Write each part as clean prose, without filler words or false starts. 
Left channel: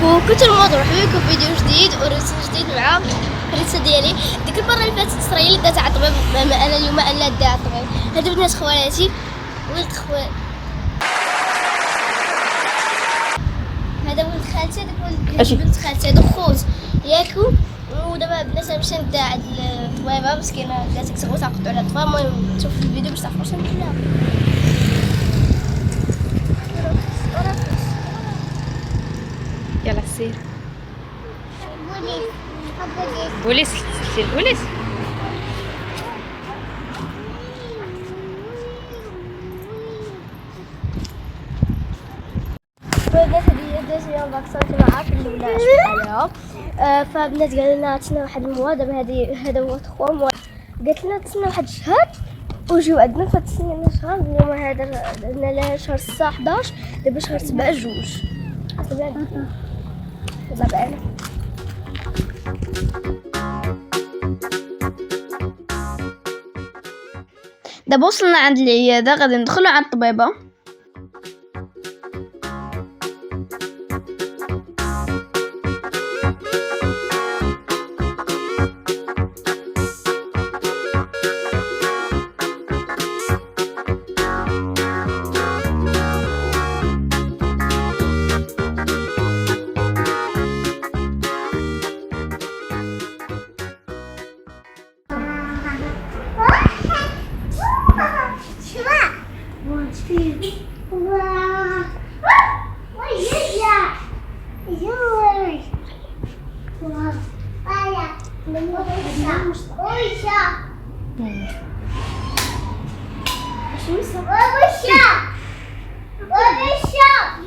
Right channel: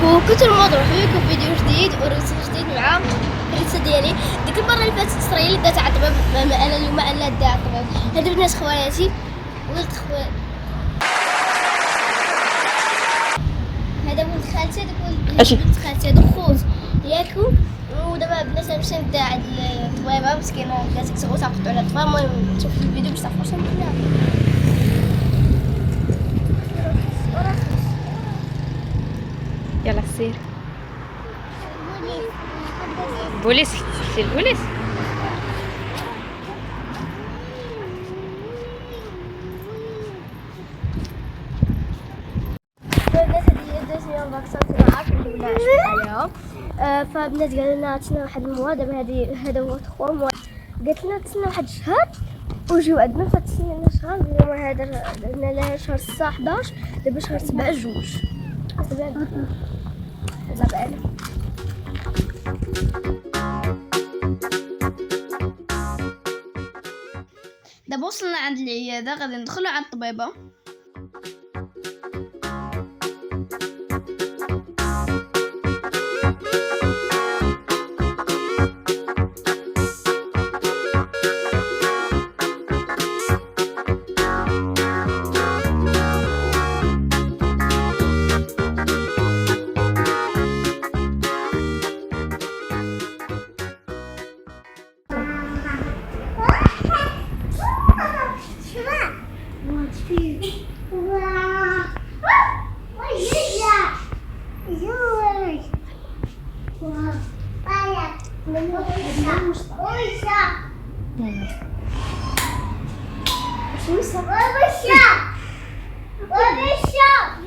كوكو الموضوع بكم فيديو جديد ورسالة جديد مع الرسالة ديالي. ديك المرة اللي فاتت اسرائيل دات على الطبيب، انا اليوم انا دا على الطبيب. هادو بنات خوالاتي ولد خوال، هذا ولد خالتي، هذاك ولد بنت خالتي، هادو خوت ياكو. ودابا بنات باش نبدا عند الطبيبة مسكينة داتك تغوت عقدو على الطفا. المهم شوفوا الفيديو باش تعرفوا شنو ندير لها. يلا سير بوليس سير البوليس. فبنات هادي دوزيام فاكسان كنا عارفين ندير لها عليها. فبنات قال لنا تسنى واحد الموا، دابا هذا هو 3 موا. قالت لنا تسنى واحد الشهر وجيو عندنا. فتسنينا شهر، اليوم هذا درنا لها شهر 6 11، دابا شهر 7 جوج. دابا وصلنا عند العياده، غادي ندخلوا عند الطبيبه.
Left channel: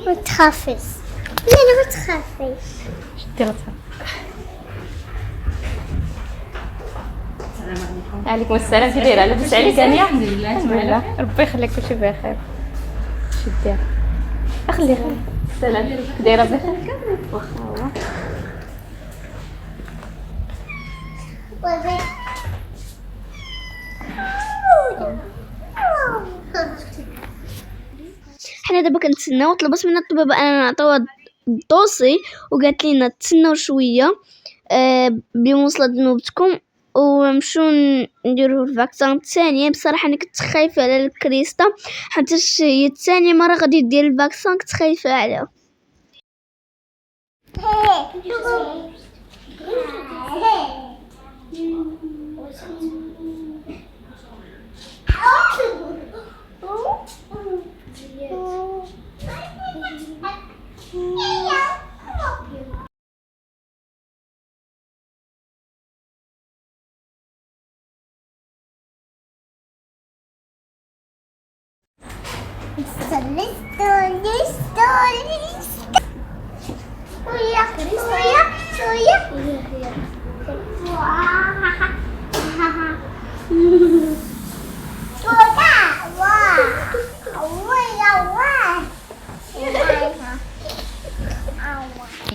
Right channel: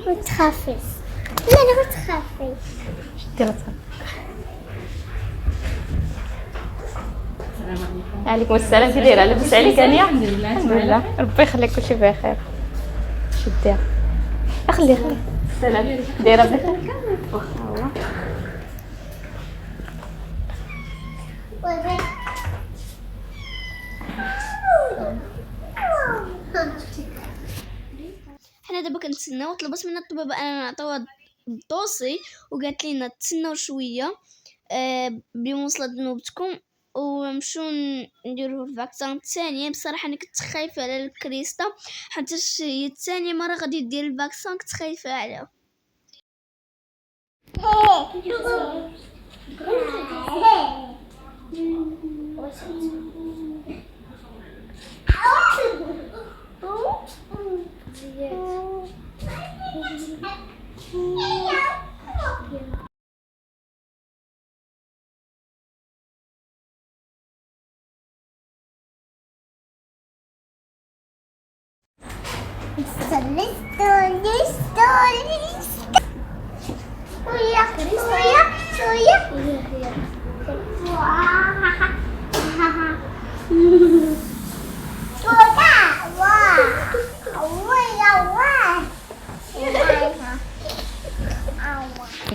ما تخافيش، لا ما تخافيش. عليكم السلام، كي دايره؟ لاباس عليك هانيه؟ الحمد لله. الحمد لله، ربي يخليك كلشي بخير. شي دير؟ خلي السلام، كي دايره؟ بخير واخا هو. حنا دابا كنتسناو. طلبت منا الطبيبه اننا نعطيوها الدوسي، وقالت لينا تسناو شويه بمواصله نوبتكم ونمشيو نديرو الفاكسان الثانيه. بصراحه انا كنت خايفه على الكريستا، حتى هي الثانيه مره غادي دير الفاكسان، كنت خايفه عليها.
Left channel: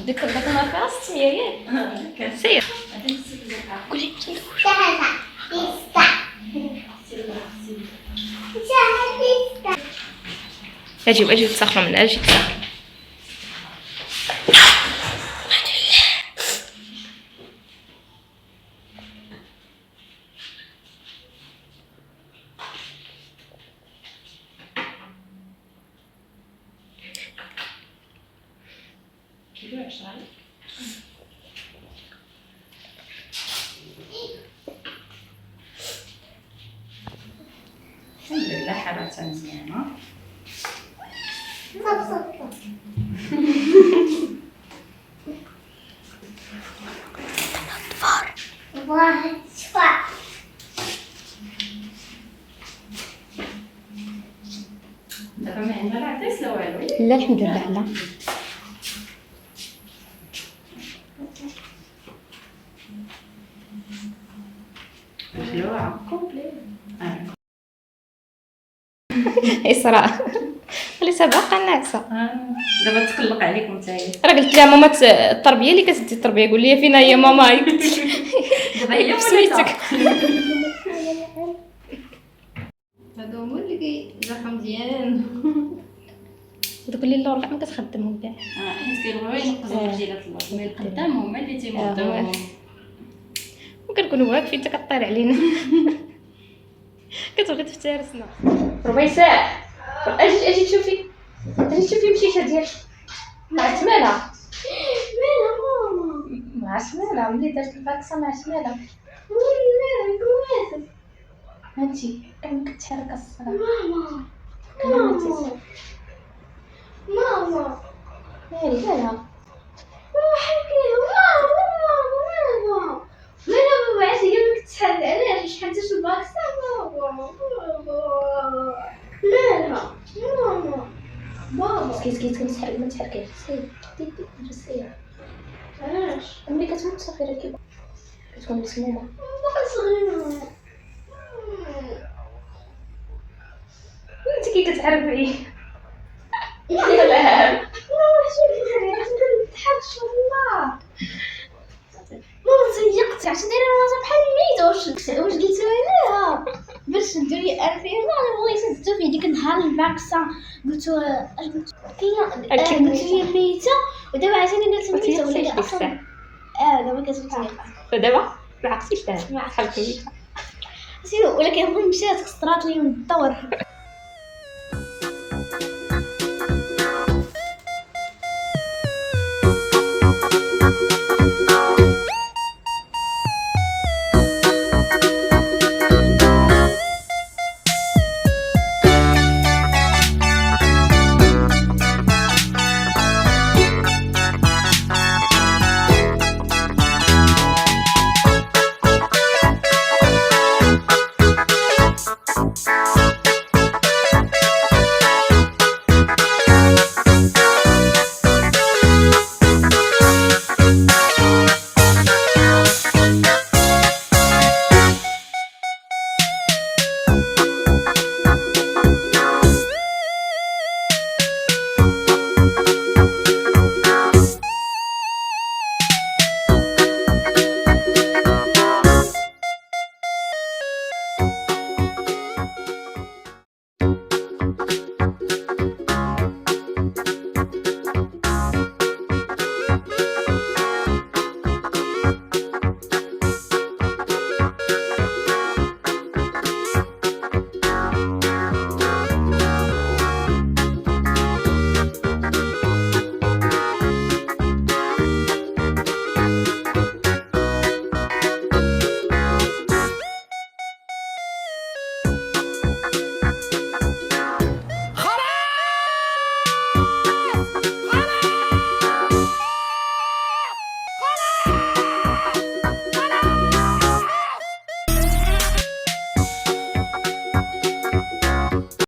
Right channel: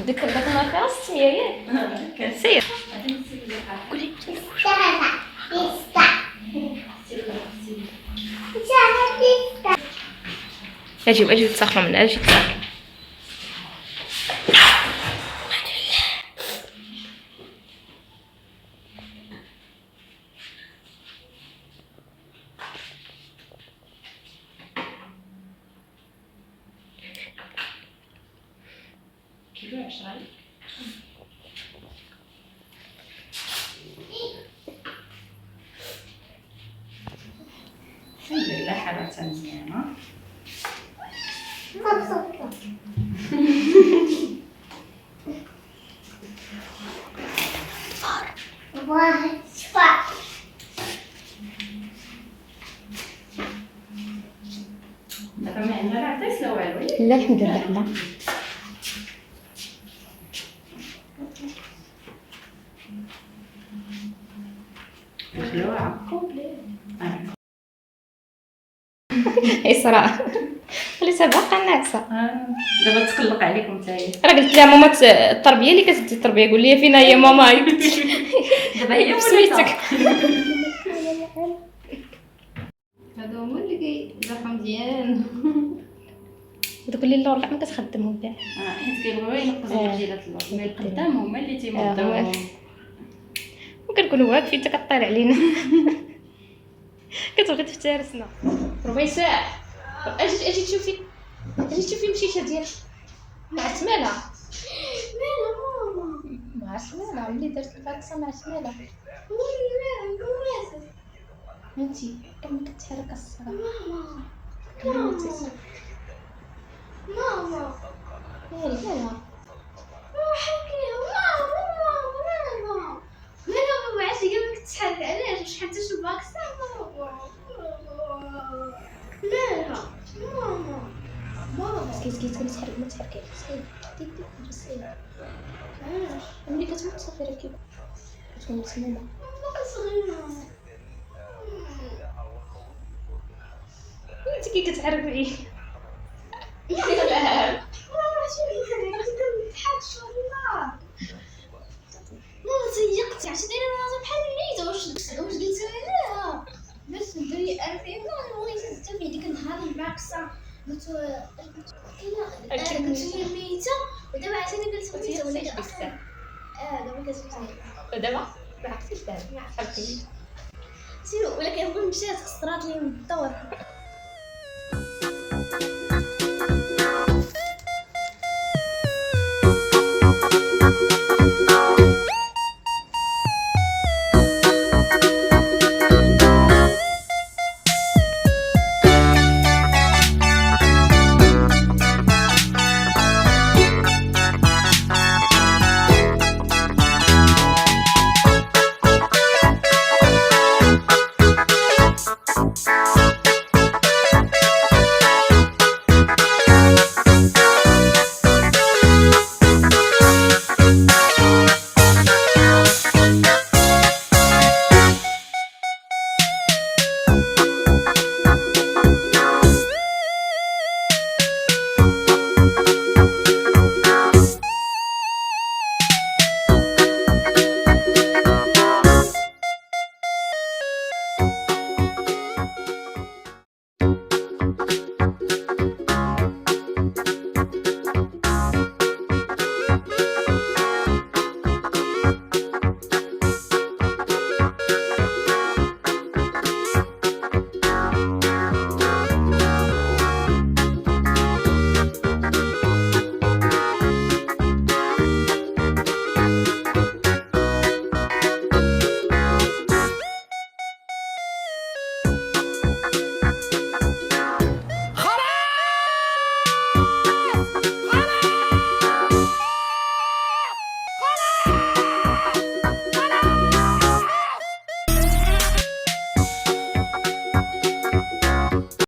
ديك الماكره ستي ياك سير قولي اجي تسخنوا من اجي تسخن. كيلو 10 الحمد لله، حالتها مزيانه. دابا ما عندنا لا عطيس لا والو. لا الحمد لله. لا خلوها كومبلي. اسراء خليتها باقا ناعسه. دابا تقلق عليكم نتايا. راه قلت لها ماما التربيه اللي كتدي التربيه، قول لي فينا هي ماما. دابا هي بسميتك. هادو هما اللي كيجرحوا مزيان. ودوك اللي اللور كاع ما كتخدمهم كاع. حيت كيبغيو ينقصوا مجيلات اللور، مي القدام هما اللي تيمضيوهم. وكنكونوا واقفين حتى كطير علينا. كتبغي تفترسنا. ربيساء اجي تشوفي مشيشه ديالك مع سمانه. مالها ماما؟ مع سمانه ملي درت الفاكسه مع سمانه. وي مالها كويس. انتي كنت تحرك الصرا. ماما ماما ماما مالها حكيها ماما ماما بعتي قبل تتحل علاش شحال تاش الباكسة ماما مالها ماما سكيت كنتحرك ما تحركيش. سكيت علاش ملي كتموت صافي راه كتكون مسمومه. صغيرة انت كي كتعرفي ماما شوفي والله ماما تيقت عرفتي دايره راسها بحال الميتة. واش قلتي لها باش نديري 2000 انا بغيت نزيدو في ديك النهار الباكسة قلت اش قلت قلت لي ميتة ودابا عاوتاني قلت ميتة ولا هي اصلا دابا كتبت فدابا ما عرفتيش دابا حالك ميته. ولكن مشات خسرات لي من الدور.